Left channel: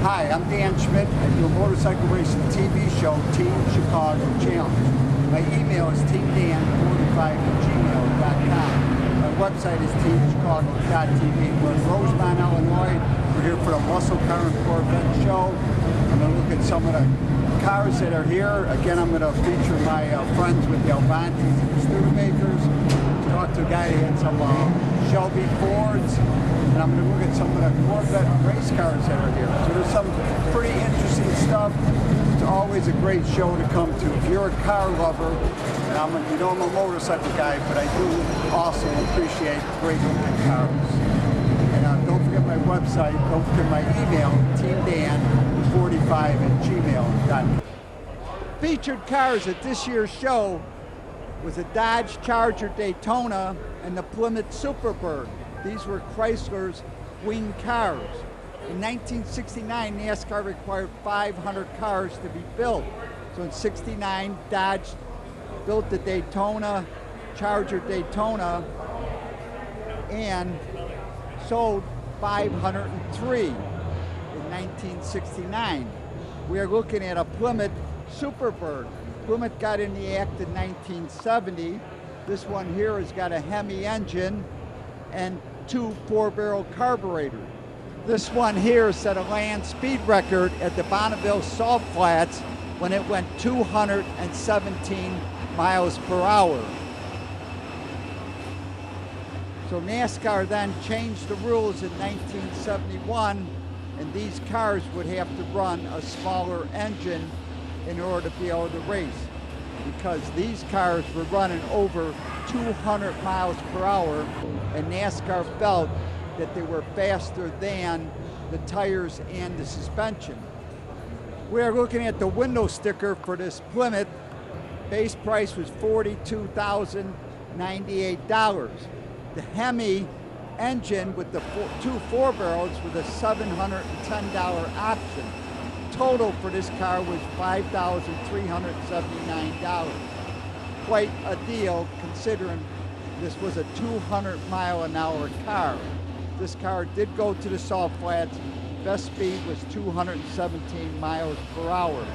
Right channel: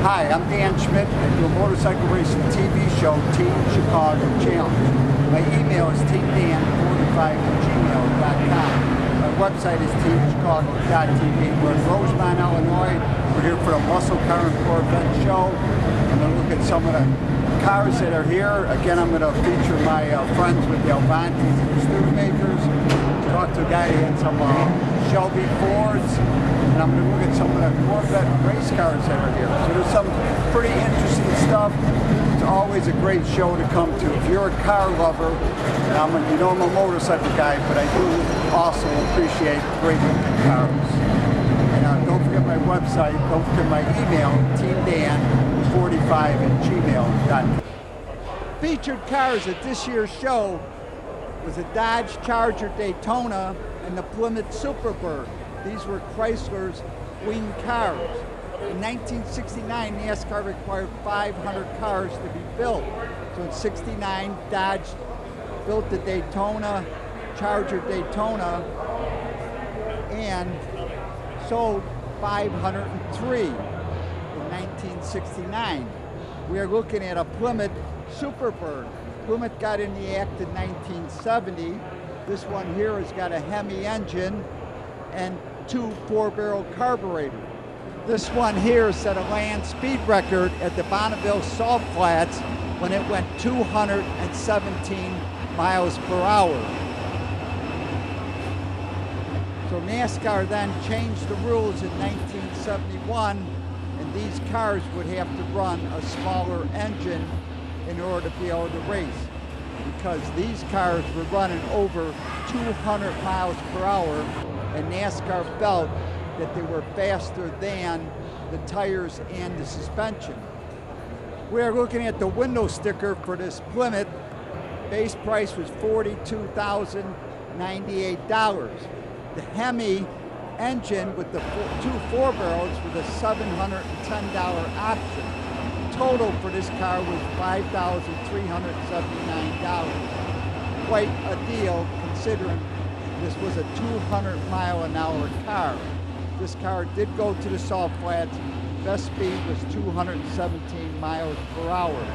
Hi, I'm Dan Schmitt. I do a motorcycle racing TV show, Team Chicago Challenge. My email is teamdan45@gmail.com. My website is teamchicago.tv. We're in Rosemont, Illinois. We're here for the Muscle Car and Corvette show. I'm going to look at some of the cars that are here. Again, I'm going to feature my friends with the Avantis and the Studebakers. Talk to a guy who had some Shelby Fords. And I'm going to look at some of the Corvette race cars that are here. So there's some pretty interesting stuff. It's always a great show to come to. If you're a car lover, and I'm a motorcycle guy, but I do also appreciate great looking cars. And don't forget my website, don't forget my email, teamdan45@gmail.com. Featured cars at this year's show was a Dodge Charger Daytona and the Plymouth Superbird. These were Chrysler's wing cars. In 1969, NASCAR required 500 cars to be built. So in 69, Dodge built the Daytona, Charger Daytona, and sold 503 in 1969. We are looking at a Plymouth Superbird. Plymouth got in the act in 1970. This one here has got a Hemi engine and 2 4-barrel carburetors. This one here set a Land-Speed record at the Bonneville Salt Flats when it went 217 miles per hour. So NASCAR then changed the rules in 1971, and these cars would have to run a smaller engine in order to be able to race, because these cars were running over 200 miles per hour, and NASCAR felt that they were faster than the tires and the suspension. We are looking at the window sticker for this Plymouth. Base price was $42,098. The Hemi engine with the 2 4-barrels with a $710 option. Total for this car was $5,379. Quite a deal considering this was a 200-mile-an-hour car. This car did go to the Salt Flats. Best speed was 217 miles per hour.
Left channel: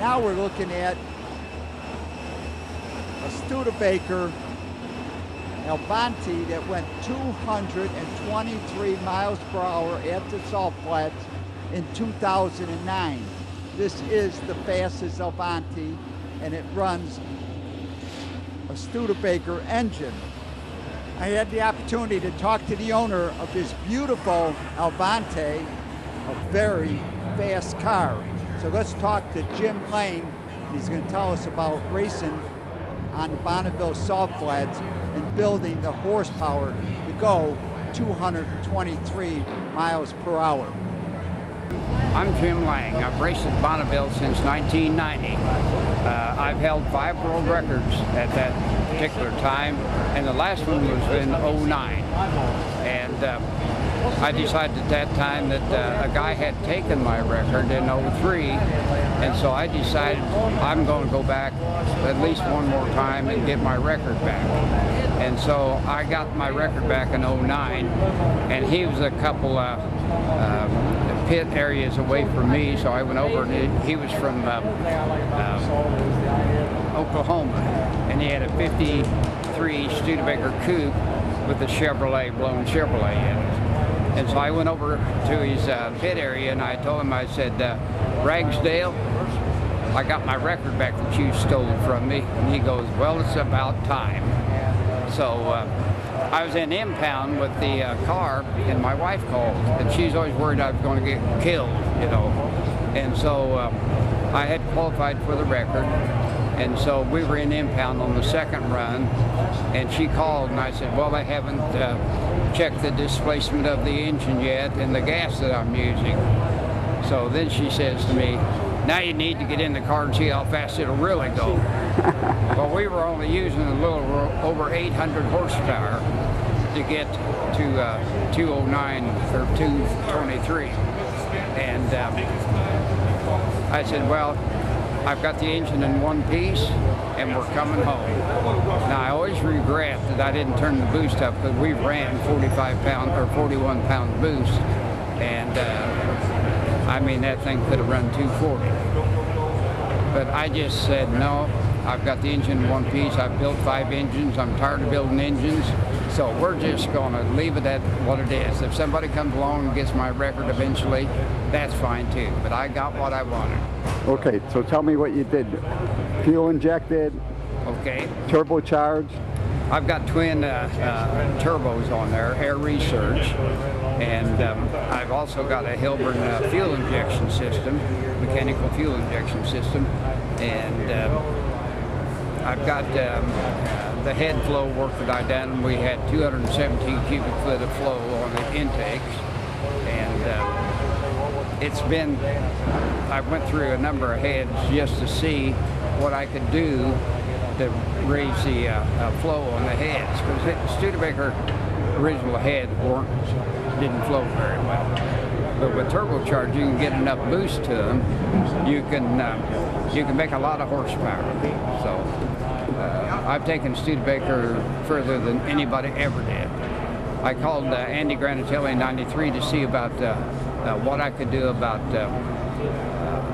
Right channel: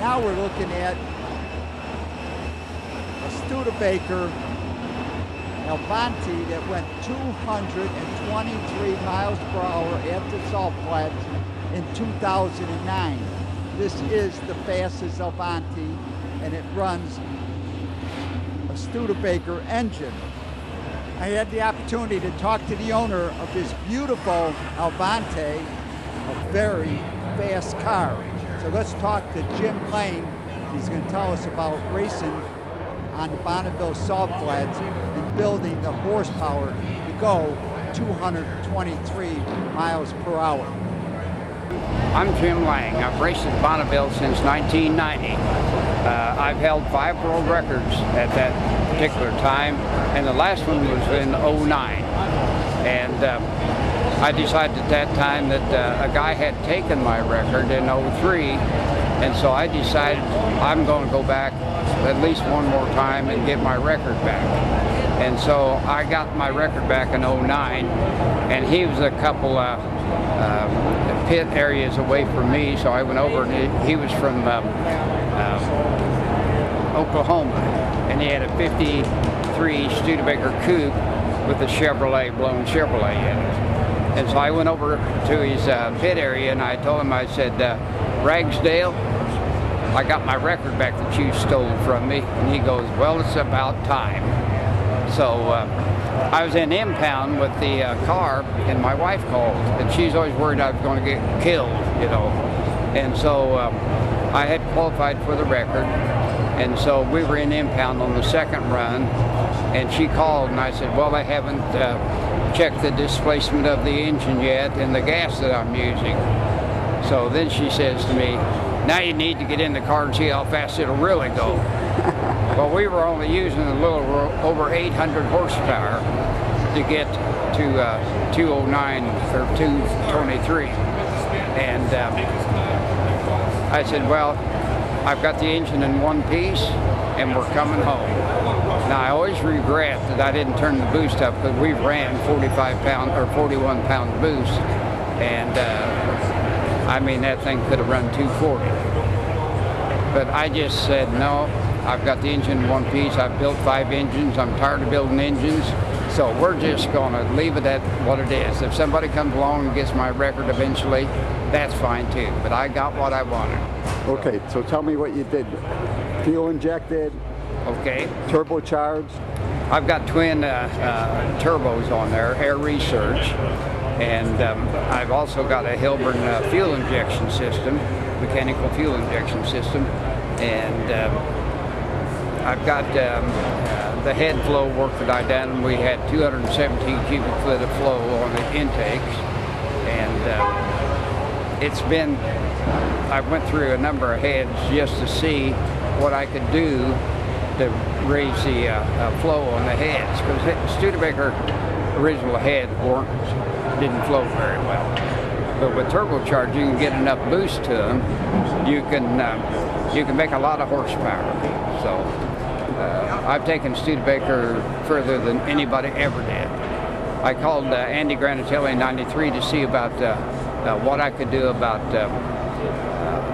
Now we're looking at a Studebaker Avanti that went 223 miles per hour at the Salt Flats in 2009. This is the fastest Avanti, and it runs a Studebaker engine. I had the opportunity to talk to the owner of this beautiful Avanti, a very fast car. So let's talk to Jim Lane. He's going to tell us about racing on the Bonneville Salt Flats and building the horsepower to go 223 miles per hour. I'm Jim Lange. I've raced at Bonneville since 1990. I've held 5 world records at that particular time, and the last one was in '09. And I decided at that time that a guy had taken my record in '03, and so I decided I'm going to go back at least one more time and get my record back. And so I got my record back in '09, and he was a couple pit areas away from me, so I went over, and he was from Oklahoma, and he had a '53 Studebaker coupe with a blown Chevrolet in it. And so I went over to his pit area, and I told him, I said, Ragsdale, I got my record back that you stole from me. And he goes, well, it's about time. So I was in impound with the car, and my wife called, and she's always worried I was going to get killed, you know. And so I had qualified for the record, and so we were in impound on the second run, and she called, and I said, well, I haven't checked the displacement of the engine yet and the gas that I'm using. So then she says to me, now you need to get in the car and see how fast it'll really go. Well, we were only using a little over 800 horsepower to get to 209 or 223. And I said, well, I've got the engine in one piece and we're coming home. Now, I always regret that I didn't turn the boost up, because we ran 45-pound or 41-pound boost, and I mean, that thing could have run 240. But I just said, no, I've got the engine in one piece. I've built 5 engines. I'm tired of building engines. So we're just going to leave it at what it is. If somebody comes along and gets my record eventually, that's fine too. But I got what I wanted. Okay, so tell me what you did. Fuel injected, Okay. turbocharged. I've got twin turbos on there, air research. And I've also got a Hilburn fuel injection system, mechanical fuel injection system. And I've got the head flow work that I done. We had 217 cubic foot of flow on the intakes, and it's been, I went through a number of heads just to see what I could do to raise the flow on the heads, because Studebaker original head didn't flow very well. But with turbocharged, you can get enough boost to them. You can make a lot of horsepower. So I've taken Studebaker further than anybody ever did. I called Andy Granatelli in '93 to see about what I could do about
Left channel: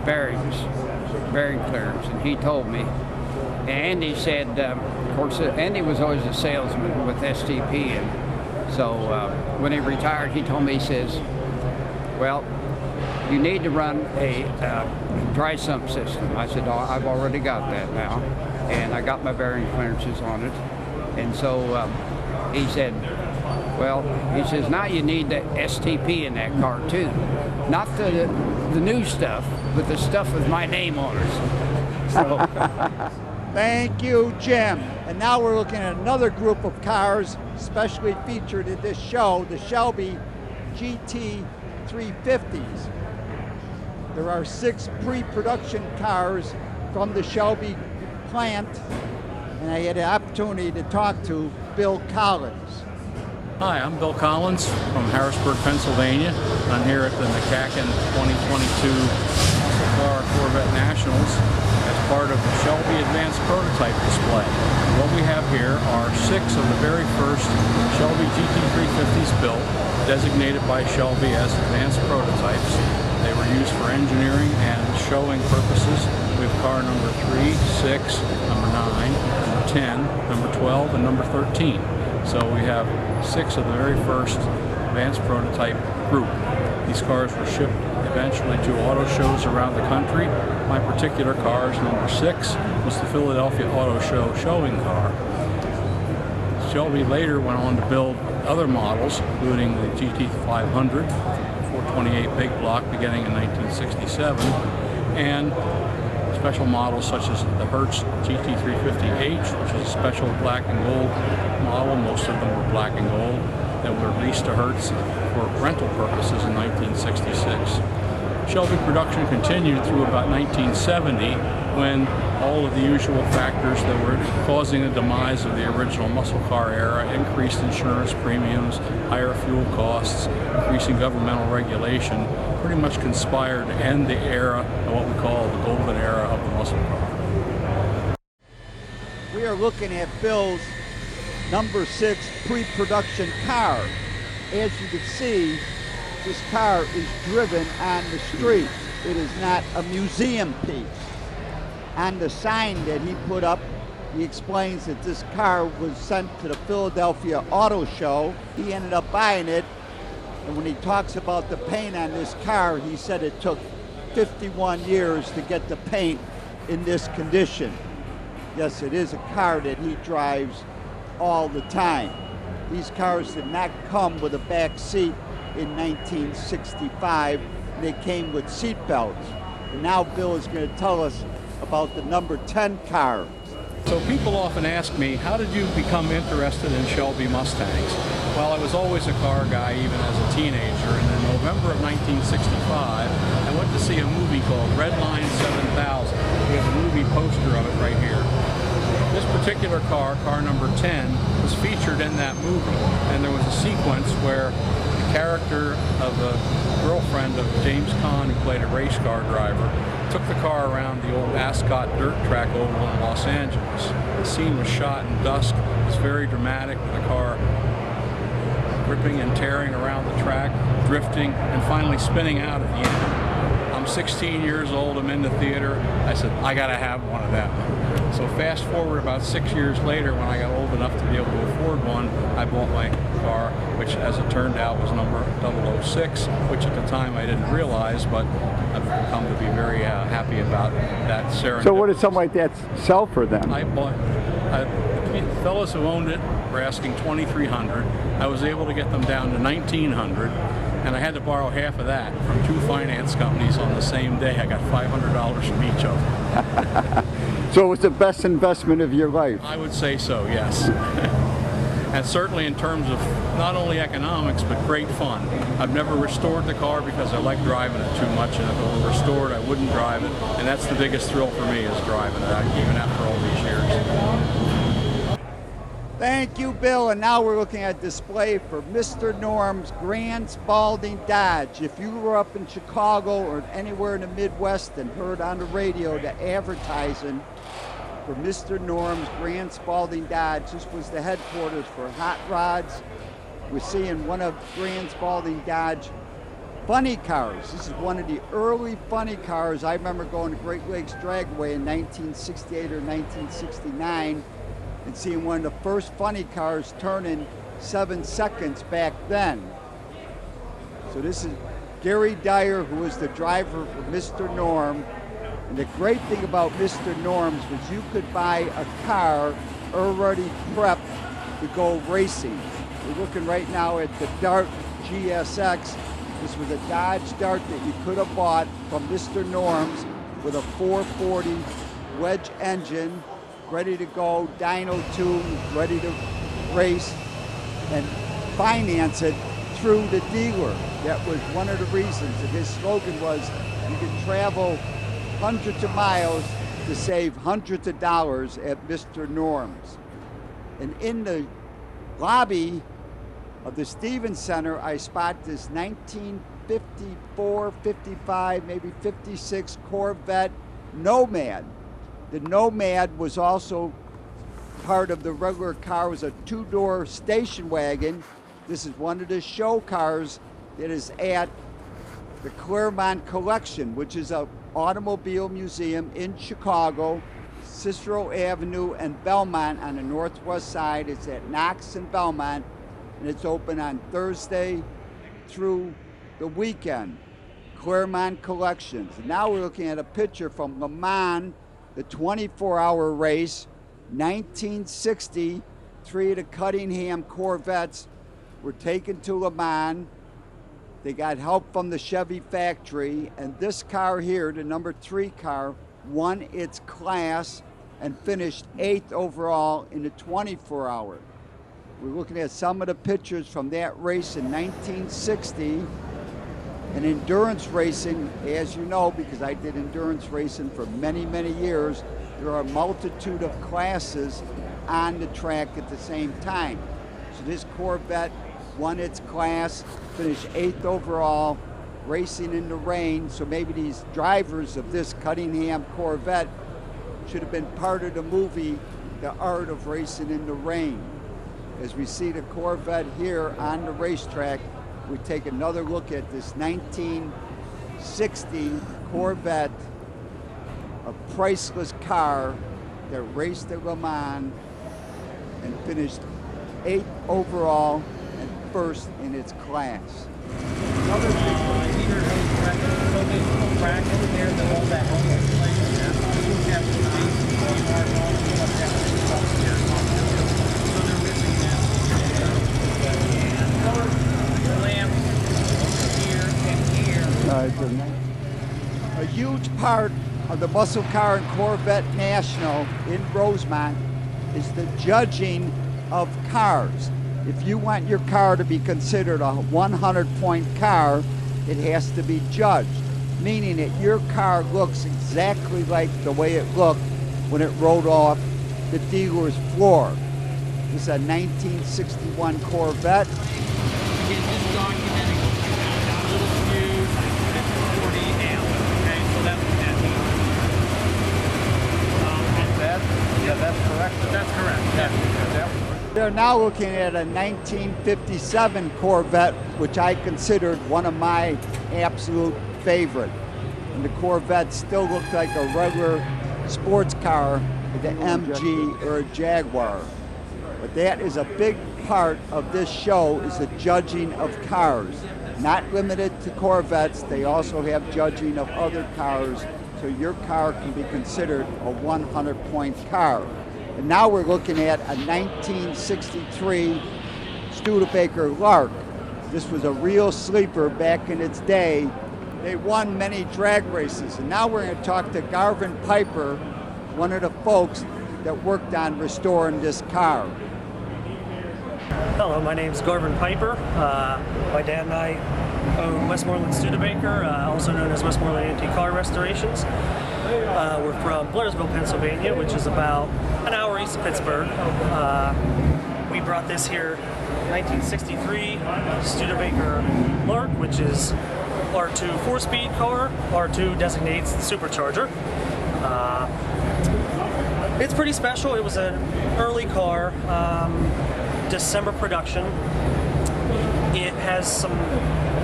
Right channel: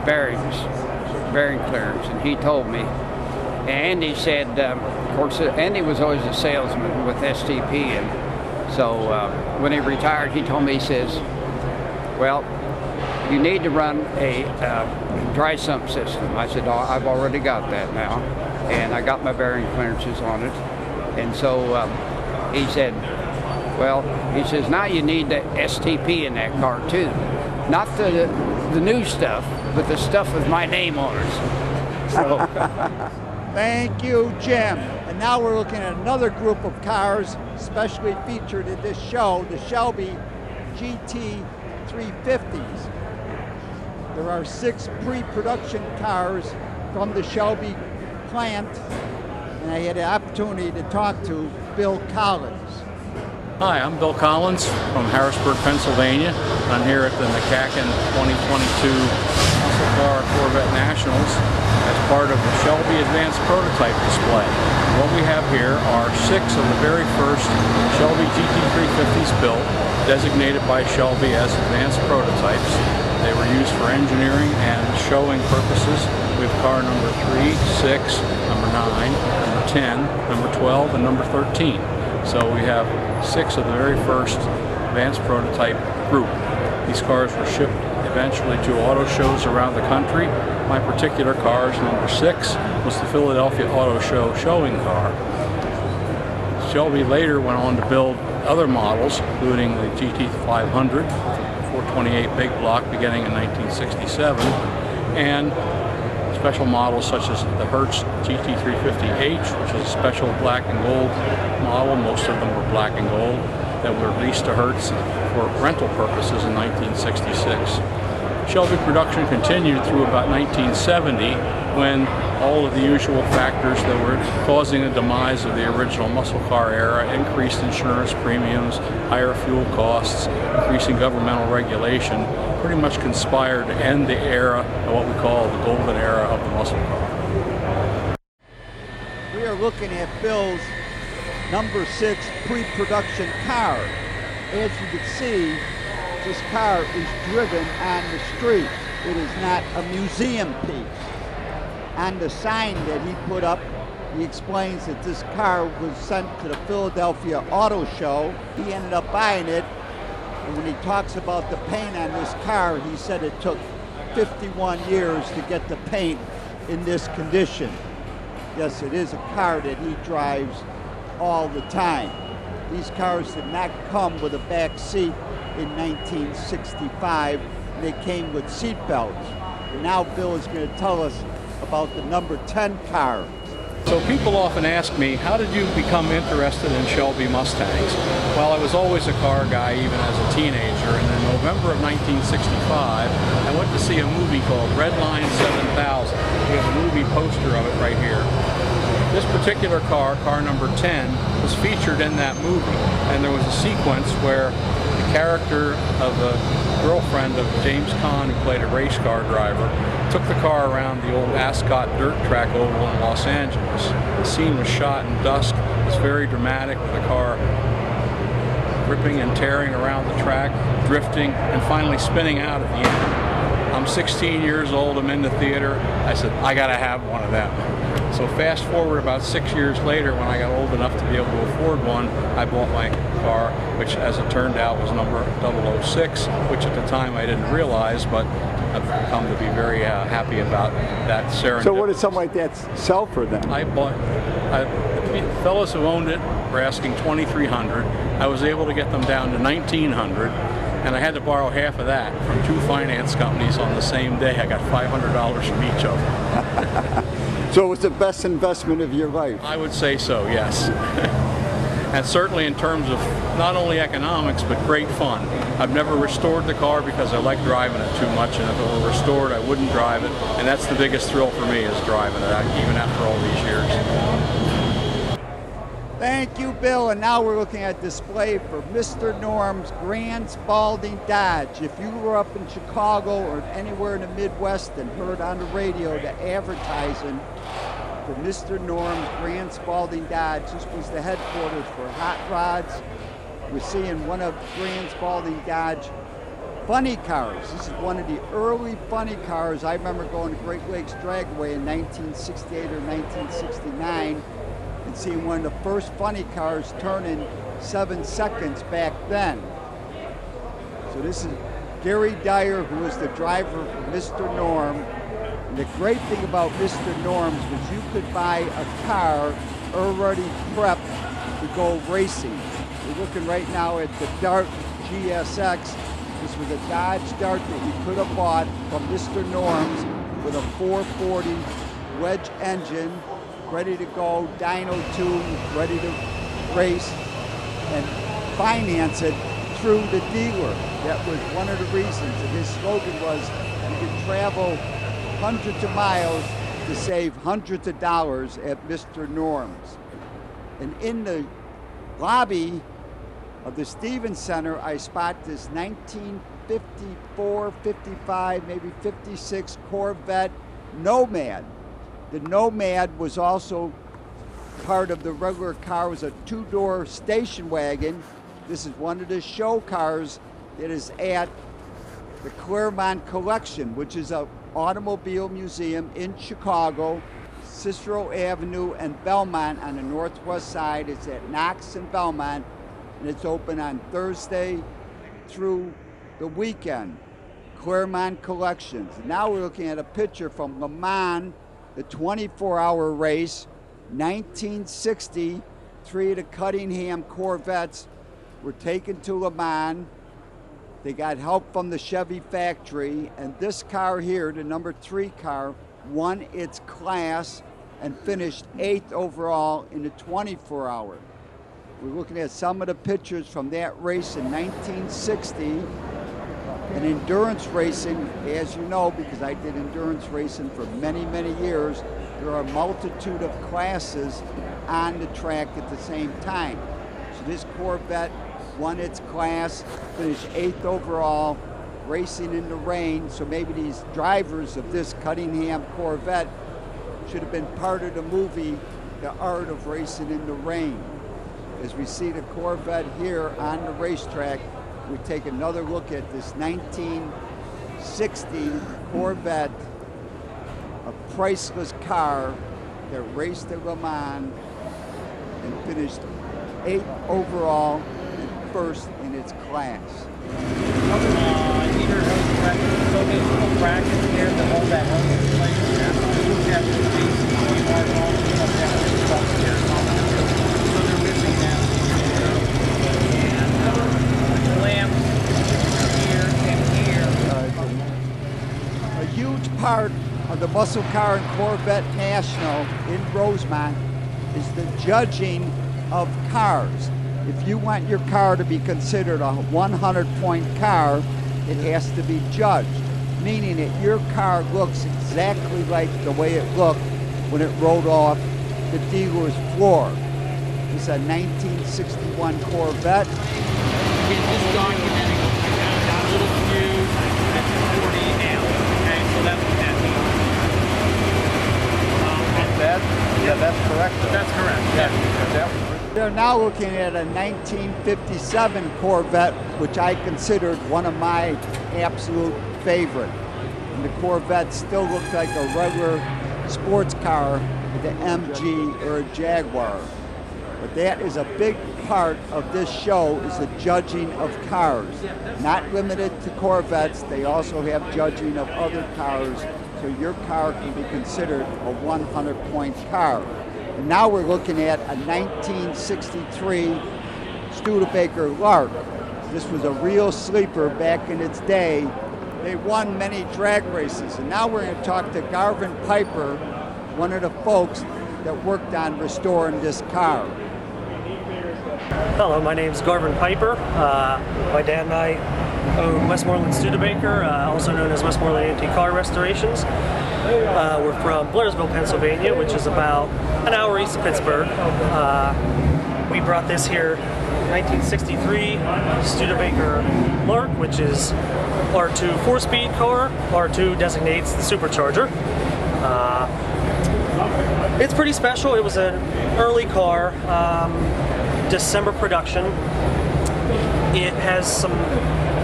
bearing clearance, and he told me. And Andy said, of course, Andy was always a salesman with STP, and so when he retired, he told me, he says, well, you need to run a dry sump system. I said, oh, I've already got that now, and I got my bearing clearances on it. And so he said, well, he says, now you need the STP in that car too. Not the new stuff, but the stuff with my name on it. So. Thank you, Jim. And now we're looking at another group of cars specially featured in this show, the Shelby GT 350s. There are 6 pre-production cars from the Shelby plant, and I had the opportunity to talk to Bill Collins. Hi, I'm Bill Collins from Harrisburg, Pennsylvania. I'm here at the McCacken 2022 Muscle Car Corvette Nationals as part of the Shelby Advanced Prototype Display. What we have here are 6 of the very first Shelby GT 350s built, designated by Shelby as advanced prototypes. They were used for engineering and showing purposes. We have car number 3, 6, number 9, number 10, number 12, and number 13. So we have 6 of the very first advanced prototype group. These cars were shipped eventually to auto shows around the country. My particular car's number 6 was the Philadelphia Auto Show showing car. Shelby later went on to build other models, including the GT 500, 428 big block beginning in 1967, and special models such as the Hertz GT 350H, which is a special black and gold model. Most of them were black and gold, that were leased to Hertz for rental purposes in 1966. Shelby production continued through about 1970, when all of the usual factors that were causing the demise of the original muscle car era, increased insurance premiums, higher fuel costs, increasing governmental regulation, pretty much conspired to end the era of what we call the golden era of the muscle car. We are looking at Bill's number 6 pre-production car. As you can see, this car is driven on the street. It is not a museum piece. On the sign that he put up, he explains that this car was sent to the Philadelphia Auto Show. He ended up buying it, and when he talks about the paint on this car, he said it took 51 years to get the paint in this condition. Yes, it is a car that he drives all the time. These cars did not come with a back seat in 1965. They came with seat belts. And now Bill is going to tell us about the number 10 car. So people often ask me, how did you become interested in Shelby Mustangs? Well, I was always a car guy, even as a teenager, and in November of 1965, I went to see a movie called Red Line 7000. We have a movie poster of it right here. This particular car, car number 10, was featured in that movie, and there was a sequence where the character of a girlfriend of James Caan, who played a race car driver, took the car around the old Ascot dirt track oval in Los Angeles. The scene was shot in dusk. It was very dramatic, with the car ripping and tearing around the track, drifting, and finally spinning out at the end. I'm 16 years old, I'm in the theater. I said, I gotta have one of them. So fast forward about 6 years later, when I got old enough to be able to afford one, I bought my car, which as it turned out was number 006, which at the time I didn't realize, but I've come to be very happy about that serendipity. So what did something like that sell for then? The fellows who owned it were asking $2,300. I was able to get them down to $1,900, and I had to borrow half of that from 2 finance companies on the same day. I got $500 from each of them. So it was the best investment of your life? I would say so, yes. And certainly in terms of not only economics, but great fun. I've never restored the car because I like driving it too much, and if it were restored, I wouldn't drive it. And that's the biggest thrill for me, is driving it, even after all these years. Thank you, Bill. And now we're looking at display for Mr. Norm's Grand Spalding Dodge. If you were up in Chicago or anywhere in the Midwest and heard on the radio the advertising for Mr. Norm's Grand Spalding Dodge, this was the headquarters for Hot Rods. We're seeing one of Grand Spalding Dodge funny cars. This is one of the early funny cars. I remember going to Great Lakes Dragway in 1968 or 1969 and seeing one of the first funny cars turn in 7 seconds back then. So this is Gary Dyer, who was the driver for Mr. Norm. And the great thing about Mr. Norm's was you could buy a car already prepped to go racing. We're looking right now at the Dart GSX. This was a Dodge Dart that you could have bought from Mr. Norm's with a 440 wedge engine, ready to go, dyno tube, ready to race, and finance it through the dealer. That was one of the reasons. And his slogan was, you can travel hundreds of miles to save hundreds of dollars at Mr. Norm's. And in the lobby of the Stevens Center, I spot this 1954, 55, maybe 56 Corvette Nomad. The Nomad was also part of the regular car. It was a 2-door station wagon. This is one of the show cars that is at the Claremont Collection, which is an automobile museum in Chicago, Cicero Avenue and Belmont on the northwest side. It's at Knox and Belmont, and it's open on Thursday through the weekend. Claremont Collections. And now we're looking at a picture from Le Mans, the 24-hour race, 1960. 3 of the Cunningham Corvettes were taken to Le Mans. They got help from the Chevy factory, and this car here, the number 3 car, won its class and finished 8th overall in the 24-hour. We're looking at some of the pictures from that race in 1960. And endurance racing, as you know, because I did endurance racing for many, many years, there are a multitude of classes on the track at the same time. So this Corvette won its class, finished 8th overall, racing in the rain. So maybe these drivers of this Cunningham Corvette should have been part of the movie, The Art of Racing in the Rain. As we see the Corvette here on the racetrack, we take another look at this 1960 Corvette, a priceless car that raced at Le Mans and finished 8th overall and 1st in its class. A huge part of the Muscle Car and Corvette National in Rosemont is the judging of cars. If you want your car to be considered a 100-point car, it has to be judged, meaning that your car looks exactly like the way it looked when it rolled off the dealer's floor. This is a 1961 Corvette. Again, just documenting what we found. Got a little fuse at 40 amp. Okay, so that's what that means. That's correct. That's correct. Yeah. They're now looking at a 1957 Corvette, which I considered one of my absolute favorite. And the Corvette still looks like a regular sports car with an MG or a Jaguar. But that is a big part of this show, is the judging of cars. Not limited to Corvettes, they also have judging of other cars, so your car can be considered a 100-point car. And now we're looking at a 1963 Studebaker Lark. This was a real sleeper back in its day. They won many drag races. And now we're going to talk to Garvin Piper, one of the folks that worked on restoring this car. Hello, my name's Garvin Piper. My dad and I own Westmoreland Studebaker, also known as Westmoreland Antique Car Restorations. We're from Blairsville, Pennsylvania, which is about an hour east of Pittsburgh. We brought this here 1963 Studebaker Lark, which is R2 4-speed car. R2 designates the supercharger. It's pretty special. It was an early car, December production. It has some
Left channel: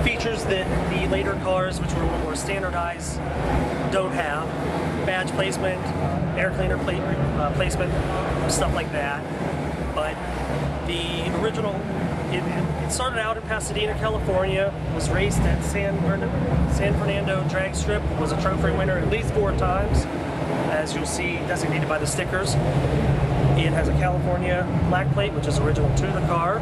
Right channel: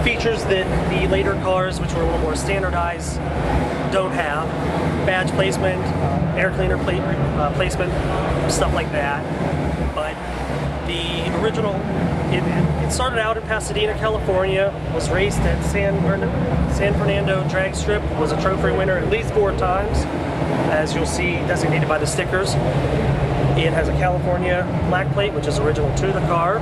features that the later cars, which were a little more standardized, don't have. Badge placement, air cleaner placement, stuff like that. But the original, it started out in Pasadena, California, was raced at San Fernando drag strip, was a trophy winner at least 4 times, as you'll see designated by the stickers. It has a California black plate, which is original to the car.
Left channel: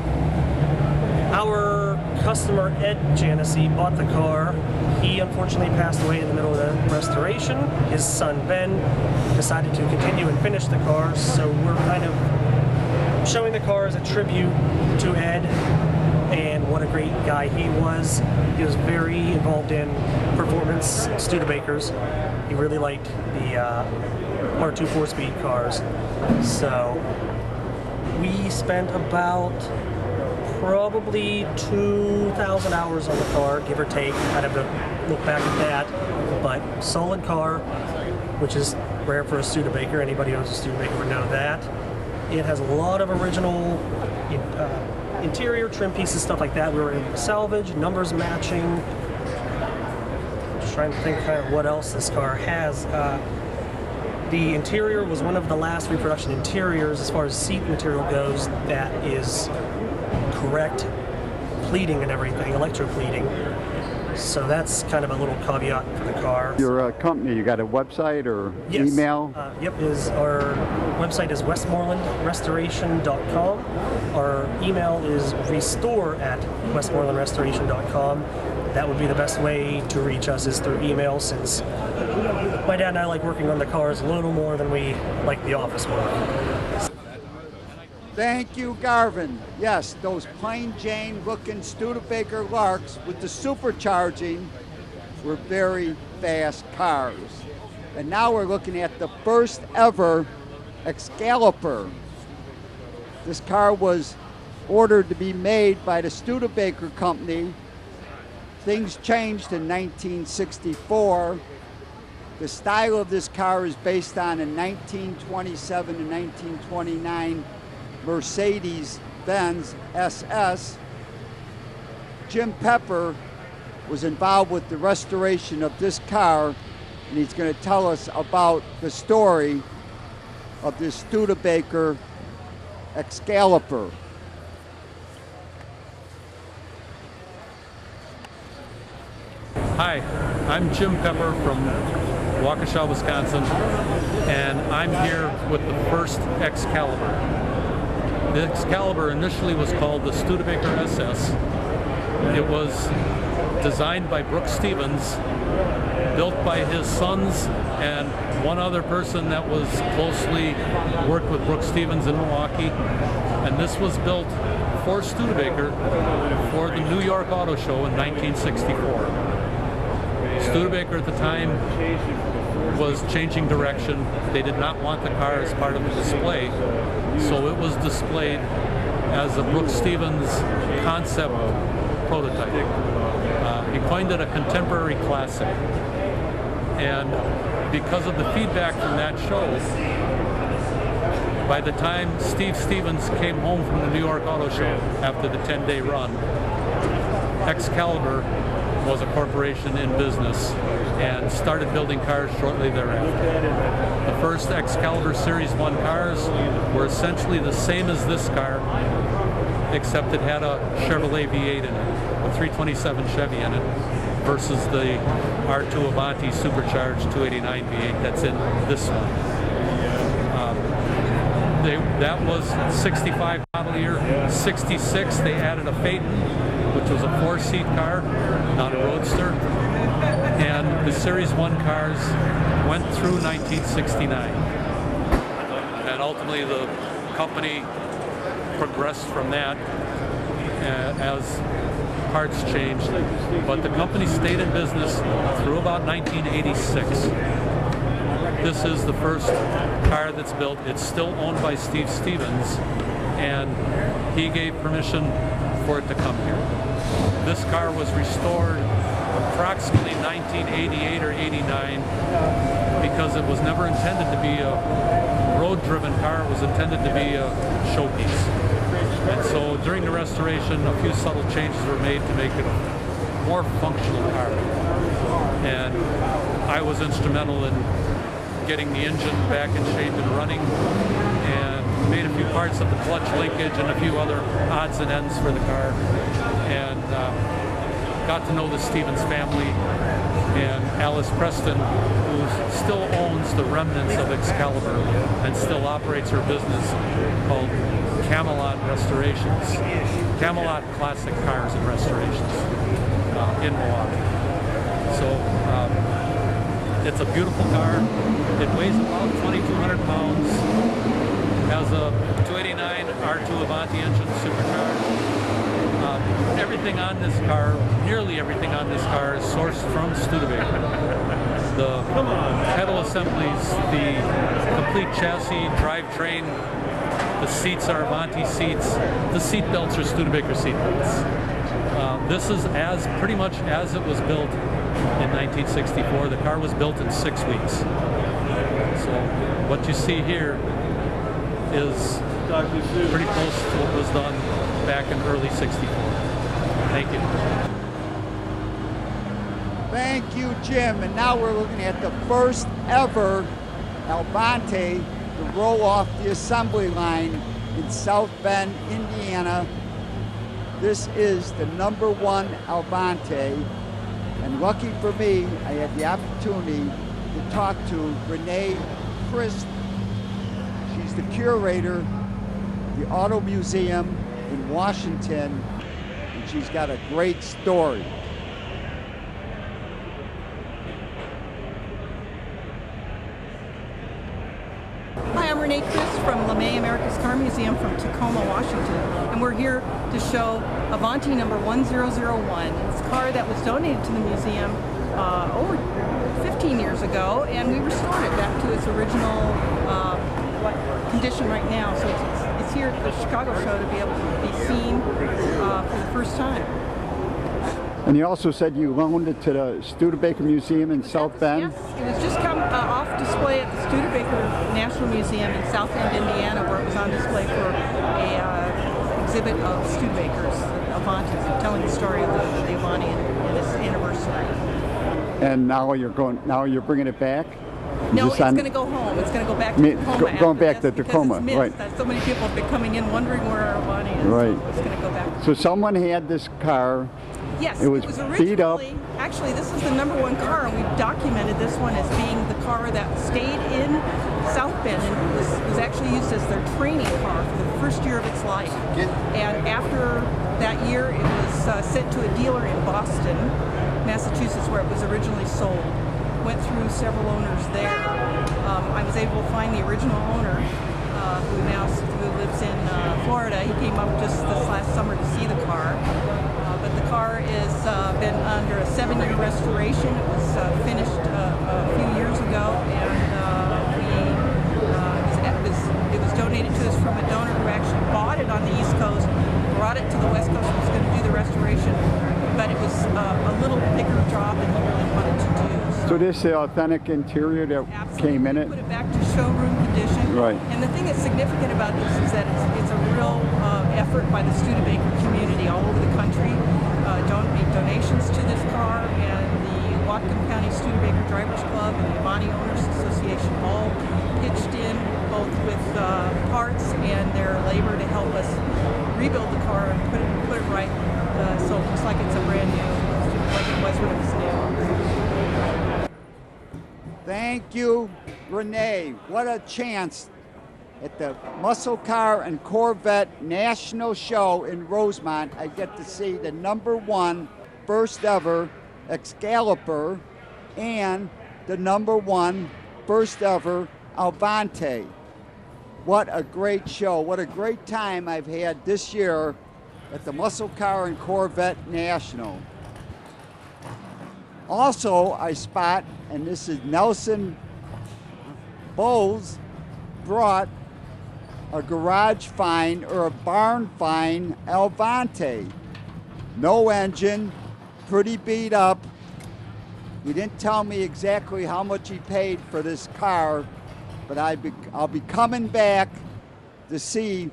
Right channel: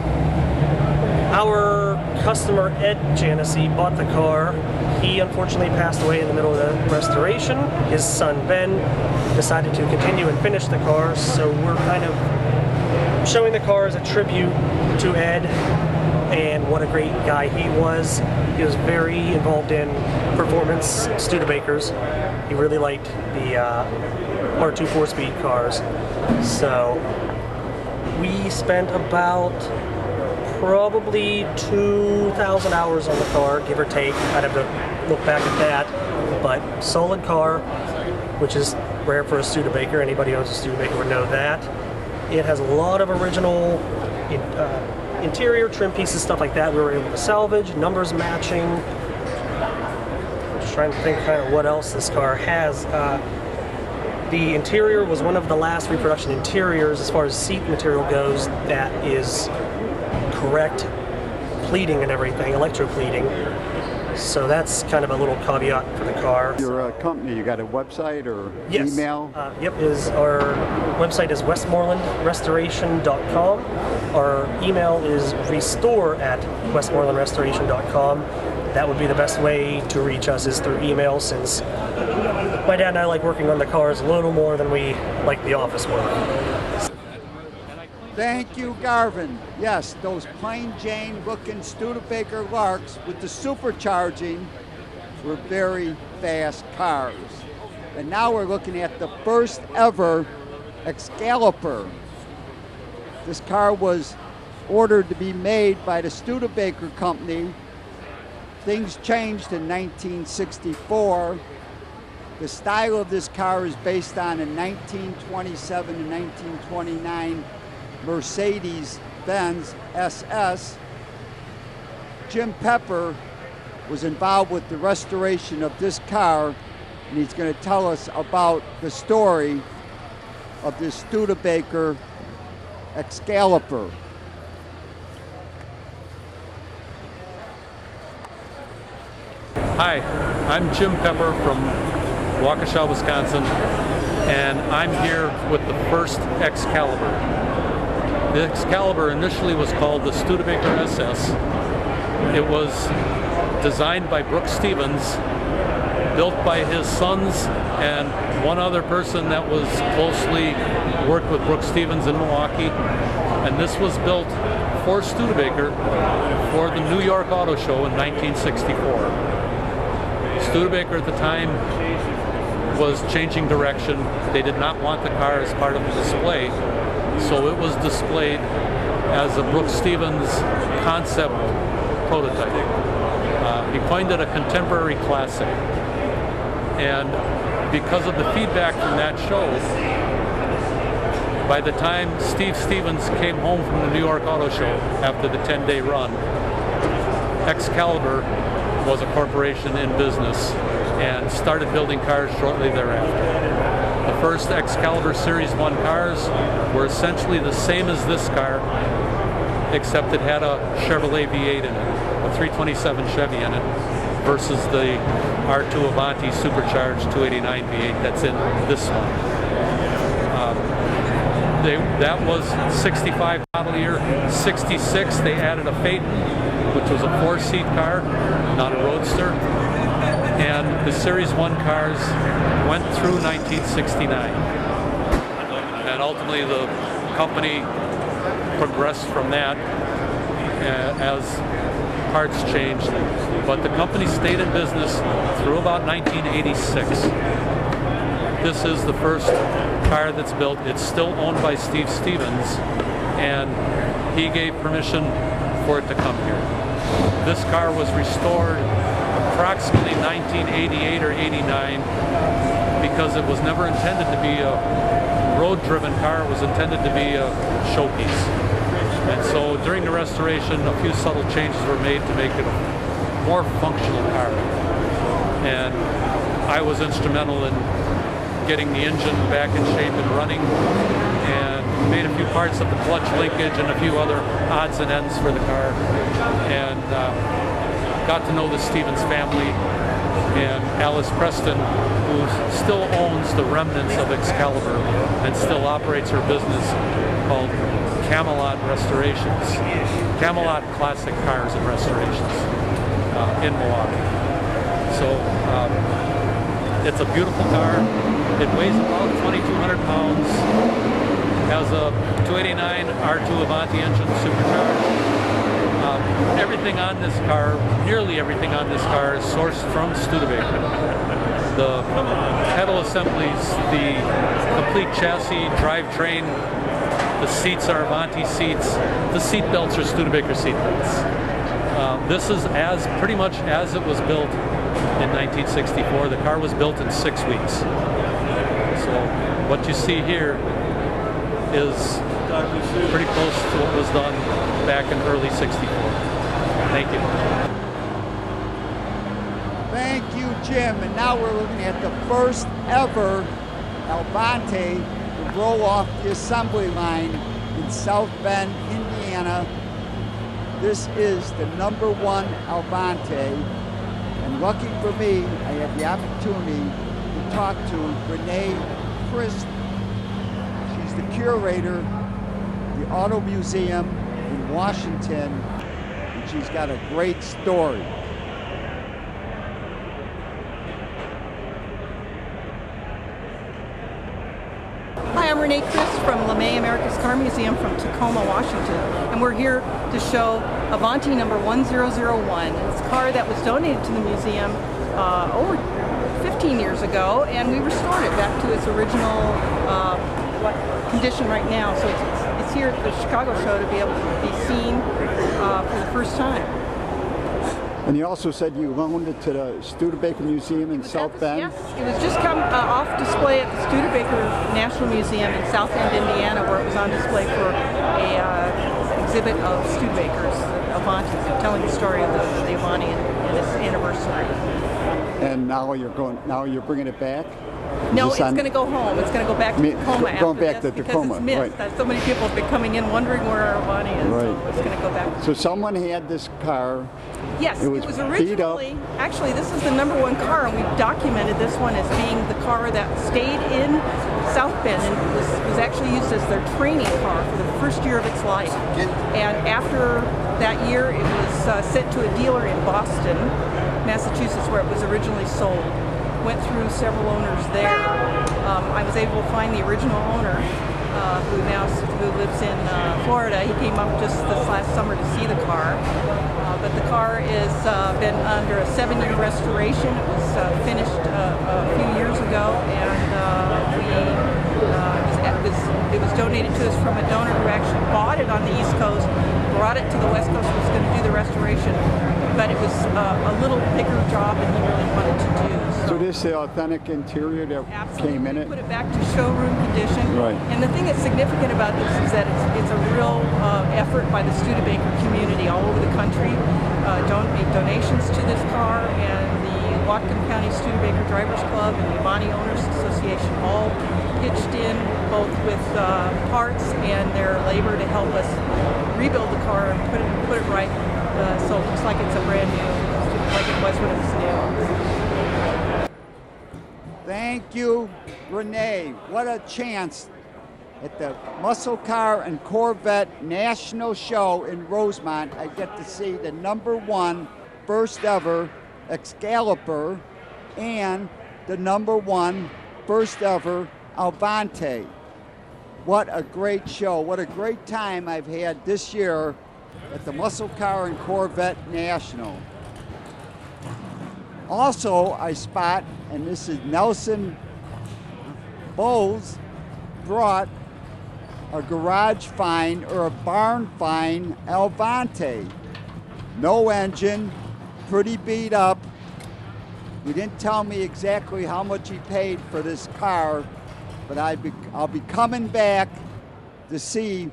Our customer, Ed Janessi, bought the car. He unfortunately passed away in the middle of the restoration. His son, Ben, decided to continue and finish the car, so we're kind of showing the car as a tribute to Ed and what a great guy he was. He was very involved in performance Studebakers. He really liked the R2 4-speed cars. So we spent about probably 2,000 hours on the car, give or take. I'd have to look back at that. But solid car, which is rare for a Studebaker. Anybody who owns a Studebaker would know that. It has a lot of original interior trim pieces, stuff like that we were able to salvage, numbers matching. Just trying to think kind of what else this car has. The interior was one of the last reproduction interiors as far as seat material goes that is correct pleating and everything, electro-pleating. So that's kind of a little caveat for the car. Your company, you got a website or yes. email? Yep, our website is westmorelandrestoration.com. Our email is restore@westmorelandrestoration.com. That would be the best way to reach us, is through email, since my dad and I like working on the cars a little more than we like the office work. Thank you, Garvin. Yes, those plain Jane looking Studebaker Larks with the supercharging were very fast cars. And now we're looking at the first ever Excalibur. This car was ordered to be made by the Studebaker company. Things changed in 1964. The style of this car is based on a 1927 and 1929 Mercedes-Benz SS. Jim Pepper was involved with the restoration of this car, and he's going to tell us about the story of this Studebaker Excalibur. Hi, I'm Jim Pepper from Waukesha, Wisconsin, and I'm here with the first Excalibur. The Excalibur initially was called the Studebaker SS. It was designed by Brooks Stevens, built by his sons and one other person that was closely worked with Brooks Stevens in Milwaukee. And this was built for Studebaker for the New York Auto Show in 1964. Studebaker at the time was changing direction. They did not want the car as part of the display, so it was displayed as a Brooks Stevens concept prototype. He coined it a contemporary classic. And because of the feedback from that show, by the time Steve Stevens came home from the New York Auto Show after the 10-day run, Excalibur was a corporation in business and started building cars shortly thereafter. The first Excalibur Series 1 cars were essentially the same as this car, except it had a Chevrolet V8 in it, a 327 Chevy in it, versus the R2 Avanti supercharged 289 V8 that's in this one. That was 65 model year. 66, they added a Phaeton, which was a 4-seat car, not a roadster. And the Series 1 cars went through 1969. And ultimately the company progressed from that as parts changed. But the company stayed in business through about 1986. This is the first car that's built. It's still owned by Steve Stevens, and he gave permission for it to come here. This car was restored approximately 1988 or 89 because it was never intended to be a road-driven car. It was intended to be a showpiece. And so during the restoration, a few subtle changes were made to make it a more functional car. And I was instrumental in getting the engine back in shape and running, and made a few parts of the clutch linkage and a few other odds and ends for the car, and got to know the Stevens family and Alice Preston, who still owns the remnants of Excalibur and still operates her business called Camelot Restorations, Camelot Classic Cars and Restorations in Milwaukee. So it's a beautiful car. It weighs about 2,200 pounds, has a 289 R2 Avanti engine supercharged. Everything on this car, nearly everything on this car is sourced from Studebaker. The pedal assemblies, the complete chassis, drivetrain, the seats are Avanti seats, the seat belts are Studebaker seat belts. This is pretty much as it was built in 1964. The car was built in 6 weeks. So what you see here is pretty close to what was done back in early '64. Thank you. Thank you, Jim. And now we're looking at the first ever Avanti to roll off the assembly line in South Bend, Indiana. This is the #1 Avanti. And lucky for me, I had the opportunity to talk to Renee Crist. She's the curator of the Auto Museum in Washington, and she's got a great story. Hi, I'm Renee Crist from Lange America's Car Museum from Tacoma, Washington, and we're here to show Avanti number 1001. It's a car that was donated to the museum over 15 years ago, and we restored it back to its original condition right now. So it's here at the Chicago show to be able to be seen for the first time. And you also said you loaned it to the Studebaker Museum in South Bend? Yes, it was just come off display at the Studebaker National Museum in South Bend, Indiana, where it was on display for a exhibit of Studebakers, Avanti, telling the story of the Avanti and its anniversary. And now you're bringing it back? No, it's going to go home. It's going to go back to Tacoma. Going back to because Tacoma, it's missed. right? So many people have been coming in wondering where our Avanti is. Right. So it's going to go back. So someone had this car. Yes, it was beat up. Actually, this is the #1 car, and we've documented this one as being the car that stayed in South Bend and was actually used as their training car for the first year of its life. And after that year, it was sent to a dealer in Boston, Massachusetts, where it was originally sold. Went through several owners there. I was able to find the original owner, who lives in Florida. He came up just this last summer to see the car. But the car has been under a 7-year restoration. It was finished a few years ago, and it was donated to us from a donor who actually bought it on the East Coast, brought it to the West Coast, was going to do the restoration, but it was a little bigger job than he really wanted to do. So this is the authentic interior that Absolutely. came in We it? put it back to showroom condition. Right. And the thing that's significant about this is that it's a real effort by the Studebaker community all over the country. Made donations to this car, and the Whatcom County Studebaker Drivers Club and the Avanti Owners Association all pitched in both with parts and their labor to help us rebuild the car and put it right, so it looks like it's a brand new, like it was when it was new. Thank you, Renee. What a chance at the Muscle Car and Corvette National Show in Rosemont. I get to see the #1 first ever Excalibur and the #1 first ever Avanti. What a great show. What a great time I've had this year at the Muscle Car and Corvette National. Also, I spot, and this is Nelson Bowles, brought a garage find or a barn find Avanti. No engine, pretty beat up. He didn't tell me exactly how much he paid for this car, but I'll be coming back to see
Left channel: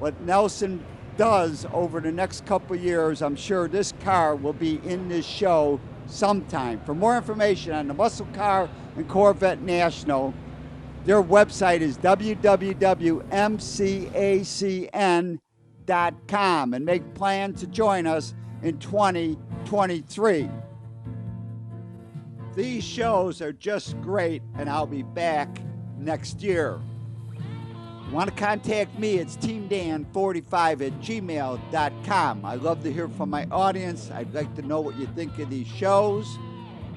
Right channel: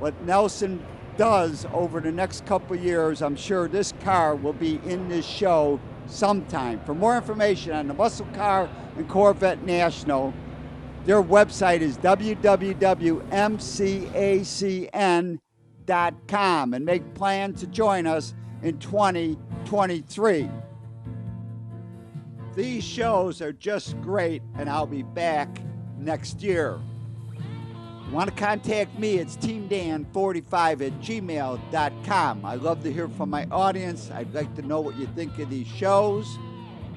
what Nelson does over the next couple of years. I'm sure this car will be in this show sometime. For more information on the Muscle Car and Corvette National, their website is www.mcacn.com, and make plans to join us in 2023. These shows are just great, and I'll be back next year. Want to contact me? It's teamdan45@gmail.com. I love to hear from my audience. I'd like to know what you think of these shows.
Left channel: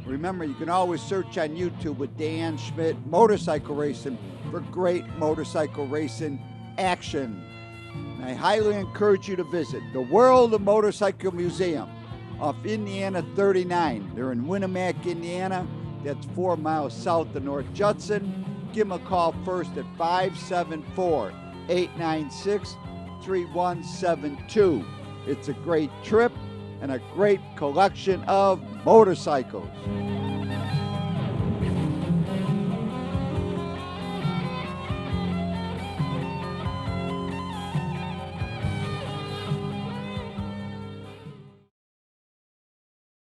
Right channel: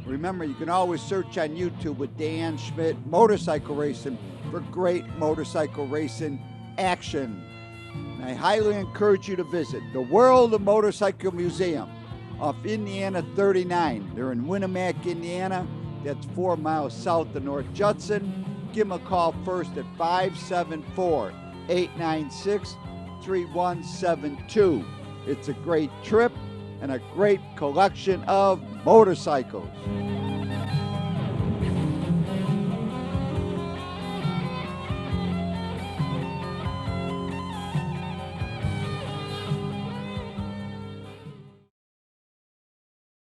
Remember, you can always search on YouTube with Dan Schmitt Motorcycle Racing for great motorcycle racing action. And I highly encourage you to visit the World of Motorcycle Museum off Indiana 39. They're in Winamac, Indiana. That's 4 miles south of North Judson. Give them a call first at 574-896-3172. It's a great trip and a great collection of motorcycles.